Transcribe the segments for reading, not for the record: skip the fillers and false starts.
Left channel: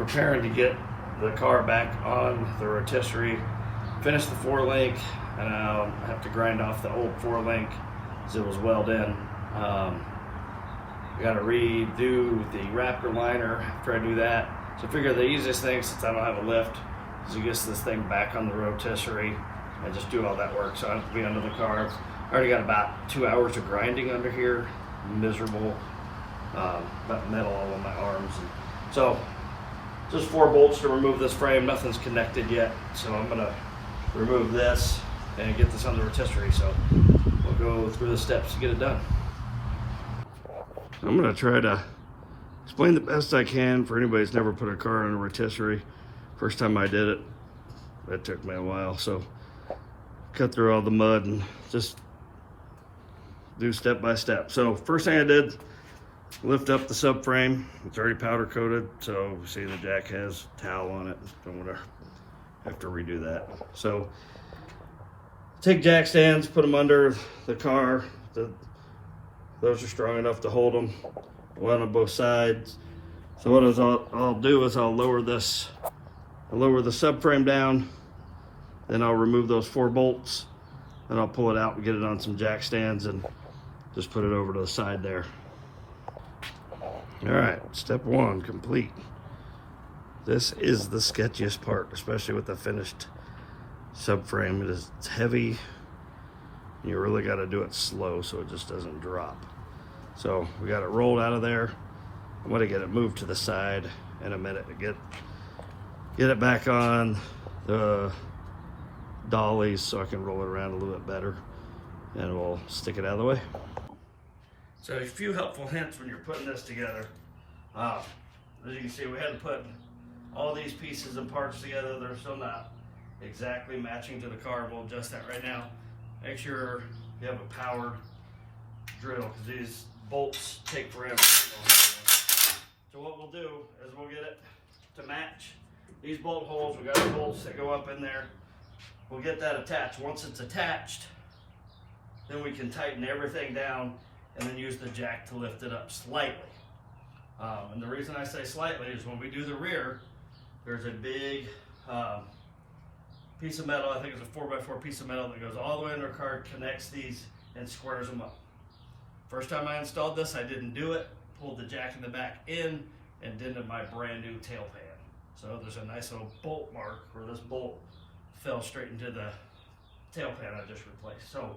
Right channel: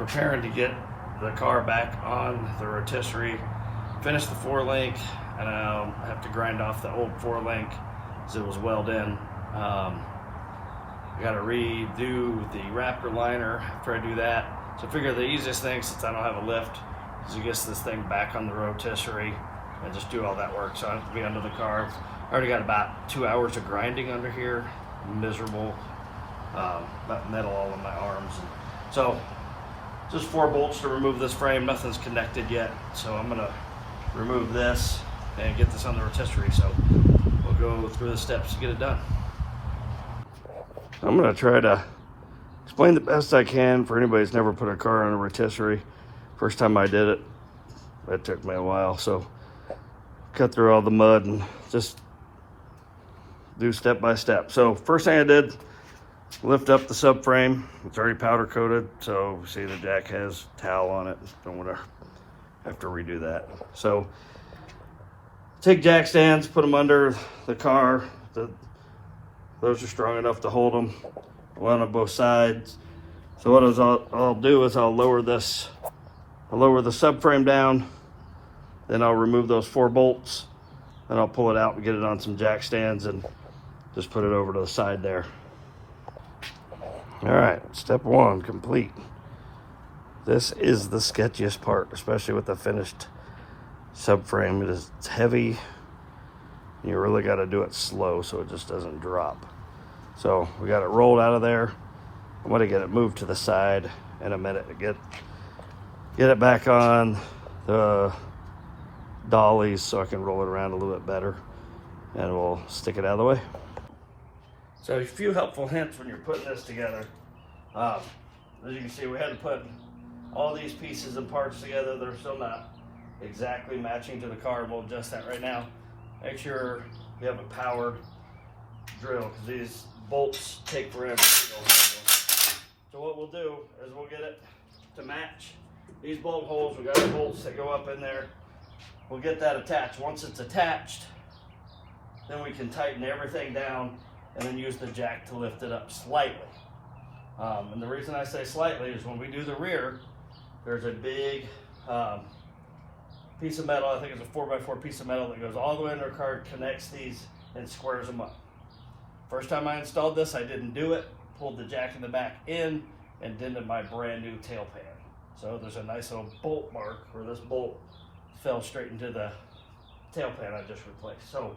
preparing to get the car back on the rotisserie, finish the 4-link, and I'll have to grind off the old 4-link because it was welded in. I got to redo the Raptor liner after I do that. So I figure the easiest thing, since I don't have a lift, is to get this thing back on the rotisserie and just do all that work. So I have to be under the car. I already got about 2 hours of grinding under here. Miserable, metal all on my arms. And so just 4 bolts to remove this frame. Nothing's connected yet. So I'm gonna remove this and get this on the rotisserie. So we'll go through the steps to get it done. So I'm gonna try to explain the best I can for anybody who's never put a car on a rotisserie. First time I did it, it took me a while. So cut through all the mud and just do step by step. So first thing I did, lift up the subframe. It's already powder coated, so see the jack has towel on it. Don't want to have to redo that. So take jack stands, put them under the car. Those are strong enough to hold them. One on both sides. So what I'll do is I'll lower the subframe down, then I'll remove those 4 bolts, and I'll pull it out and get it on some jack stands and just put it over to the side there. All right, step 1 complete. This is the sketchiest part, especially with the finished subframe. It's heavy. You really got to do it slow so it just doesn't drop. So we got it rolled out of there. I'm going to get it moved to the side in a minute to get it back on the dollies so I can roll it around a little bit better, and we'll stick it out of the way. So a few helpful hints when you're putting this together. As you can see, we had to put all these pieces and parts together. They're still not exactly matching to the car. We'll adjust that right now. Make sure you have a powered drill because these bolts take forever to go home. So what we'll do is we'll get it to match these bolt holes. We got the bolts that go up in there. We'll get that attached. Once it's attached, then we can tighten everything down and then use the jack to lift it up slightly. And the reason I say slightly is when we do the rear, there's a big piece of metal. I think it's a 4x4 piece of metal that goes all the way under the car, connects these and squares them up. First time I installed this, I didn't do it. Pulled the jack in the back in and dented my brand new tail pan. So there's a nice little bolt mark where this bolt fell straight into the tail pan I just replaced. So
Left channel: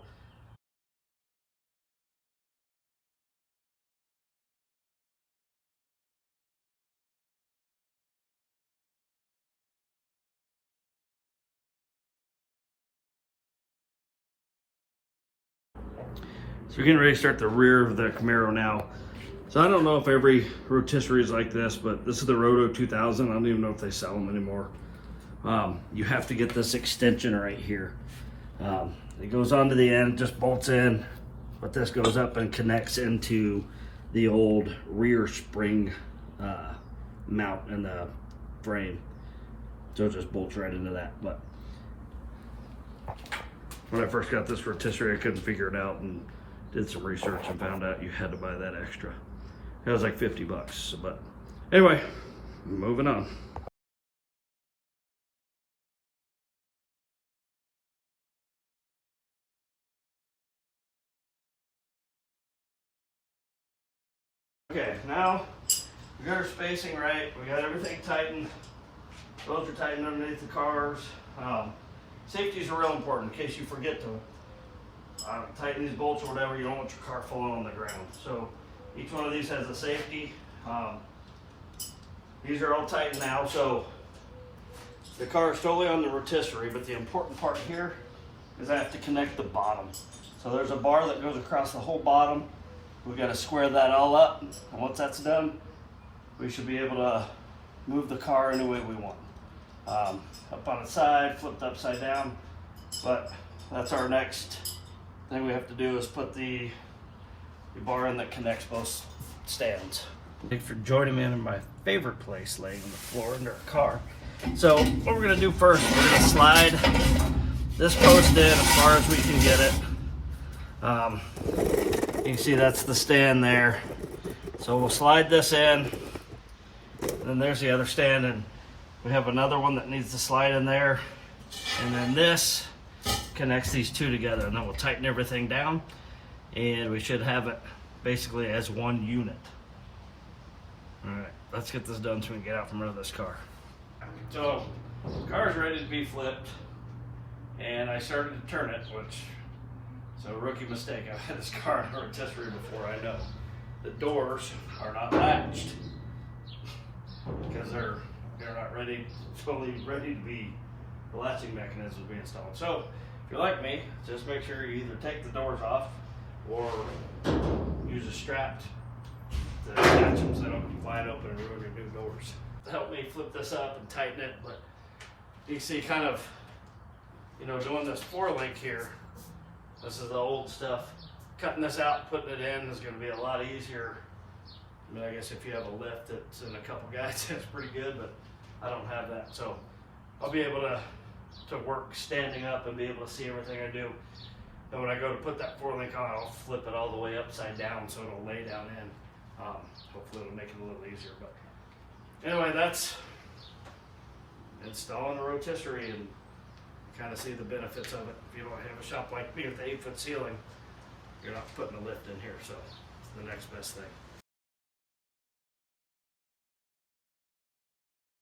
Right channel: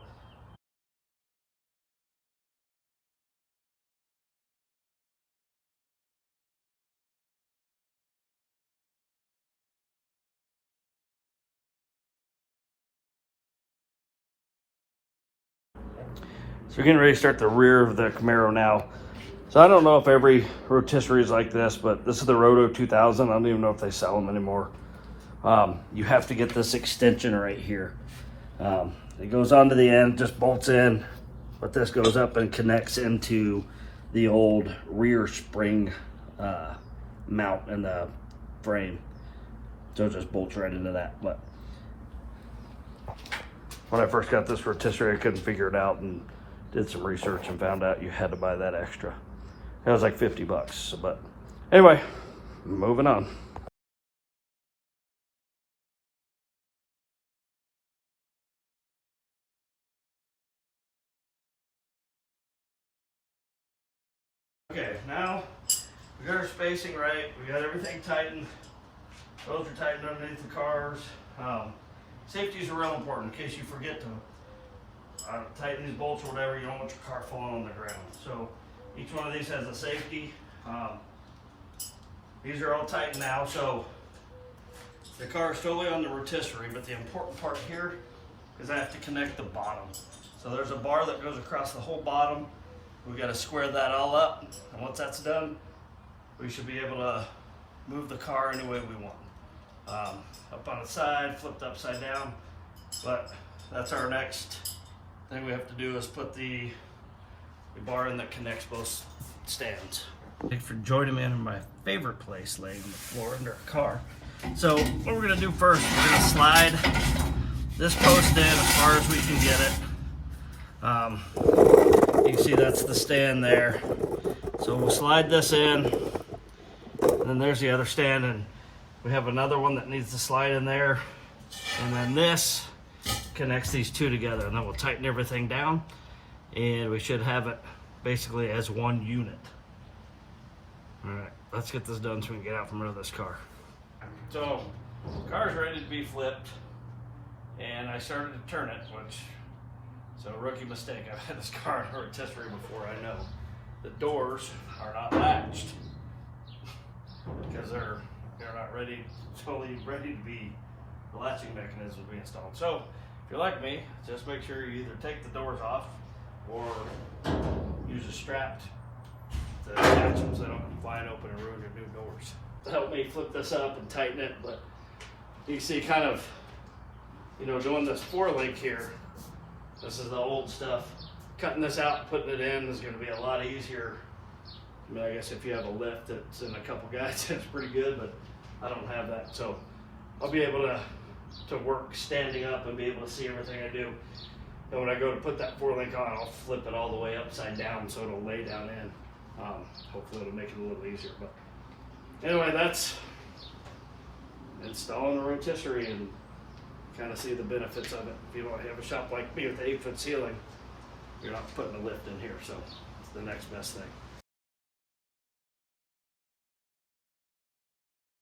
we're getting ready to start the rear of the Camaro now. So I don't know if every rotisserie is like this, but this is the Roto 2000. I don't even know if they sell them anymore. You have to get this extension right here. It goes onto the end, just bolts in, but this goes up and connects into the old rear spring mount in the frame. So it just bolts right into that. But when I first got this rotisserie, I couldn't figure it out and did some research and found out you had to buy that extra. It was like 50 bucks, but anyway, moving on. Okay, now we got our spacing right. We got everything tightened. Those are tightened underneath the cars. Safety is real important in case you forget to tighten these bolts or whatever. You don't want your car falling on the ground. So each one of these has a safety. These are all tightened now. So the car is totally on the rotisserie, but the important part here is I have to connect the bottom. So there's a bar that goes across the whole bottom. We got to square that all up. And once that's done, we should be able to move the car any way we want. Up on its side, flipped upside down. But that's our next thing we have to do is put the bar in that connects both stands. Thanks for joining me in my favorite place, laying on the floor under a car. So what we're gonna do first, we're gonna slide this post in as far as we can get it. You can see that's the stand there. So we'll slide this in And then there's the other stand, and we have another one that needs to slide in there. And then this connects these two together, and then we'll tighten everything down, and we should have it basically as one unit. All right, let's get this done so we can get out from under this car. So the car's ready to be flipped, and I started to turn it, which is a rookie mistake. I've had this car in a rotisserie before. I know the doors are not latched because they're not fully ready to be, the latching mechanism to be installed. So if you're like me, just make sure you either take the doors off or use a strap to attach them so they don't come flying open and ruin your new doors. To help me flip this up and tighten it, but you see kind of, doing this 4-link here, this is the old stuff. Cutting this out and putting it in is going to be a lot easier. I mean, I guess if you have a lift that's in a couple guides, it's pretty good, but I don't have that. So I'll be able to work standing up and be able to see everything I do. And when I go to put that 4-link on, I'll flip it all the way upside down so it'll lay down in. Hopefully it'll make it a little easier. But anyway, that's installing the rotisserie, and kind of see the benefits of it. If you don't have a shop like me with the 8-foot ceiling, you're not putting a lift in here, so it's the next best thing.